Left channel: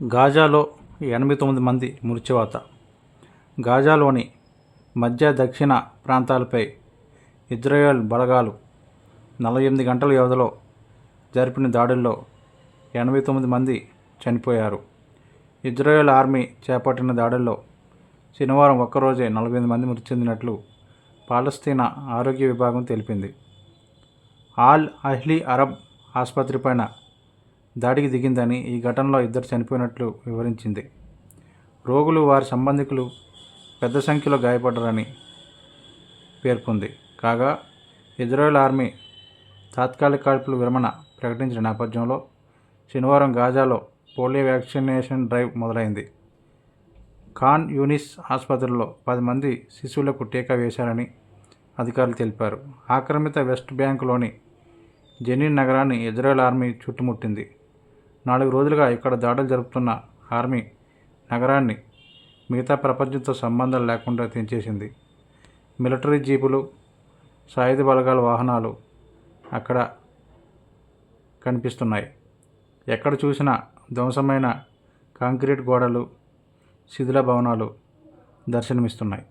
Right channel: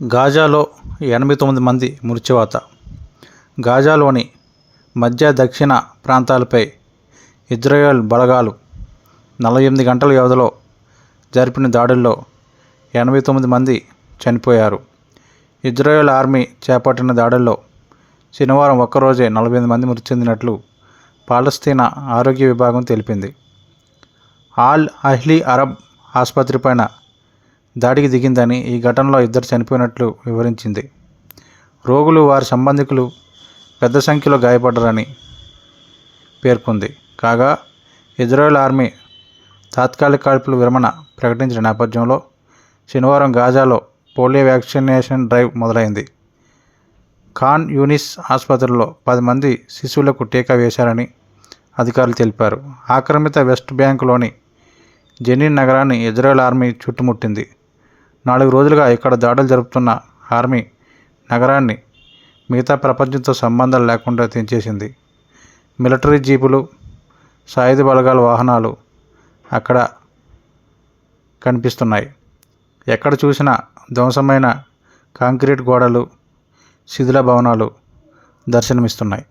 గాజాలో 89 మంది మృత్యువాత. గాజాలోని మధ్య దక్షిణ ప్రాంతాలపై ఇజ్రాయెల్ బలగాలు 48 గంటల వ్యవధిలో జరిపిన దాడుల్లో 89 మంది చనిపోయారు. ఇజ్రాయెల్ ఆర్మీ చేపట్టిన దాడుల్లో శనివారం ఒక్కరోజే 48 మంది మృతి చెందినట్లు పాలస్తీనా ఆరోగ్య విభాగం తెలిపింది. ఆల్ అహ్లీ అరబ్ ఆసుపత్రిపైన దాడికి దిగిందని, ఈ ఘటనలో 2 చనిపోయినట్లు వివరించింది. రోగులు, వారి సంబంధికులు పెద్ద సంఖ్యలో గాయపడ్డారని పేర్కొంది. కాగా ఇజ్రాయెల్ ఆర్మీ తాత్కాలిక కాల్పుల విరమణ ప్రకటించిన నేపథ్యంలో శనివారం గాజాలో పోలియో వ్యాక్సినేషన్ డ్రైవ్ మొదలైంది. ఖాన్ యూనిస్ ఆసుపత్రిలో 10 మంది శిశువులకు టీకా వేశారని అధికారులు తెలిపారు. ఆక్రమిత వెస్ట్ బ్యాంకులోని జెనిన్ నగరాన్ని ఇజ్రాయెల్ ఆర్మీ చుట్టుముట్టింది. 4 రోజులుగా ఇక్కడ దాడులు జరుపుతున్న ఆర్మీ నగరాన్ని మిగతా ప్రపంచంతో సంబంధాలు లేకుండా తెంచేసింది. మిలిటరీ జీపులు, సాయుధ బలగాల వాహనాలు అక్కడ కనిపిస్తున్నాయి. ఎక్కడ చూసినా ధ్వంసమైన కాంక్రీట్ గోడలు, శిథిల భవనాలు దర్శనమిస్తున్నాయి.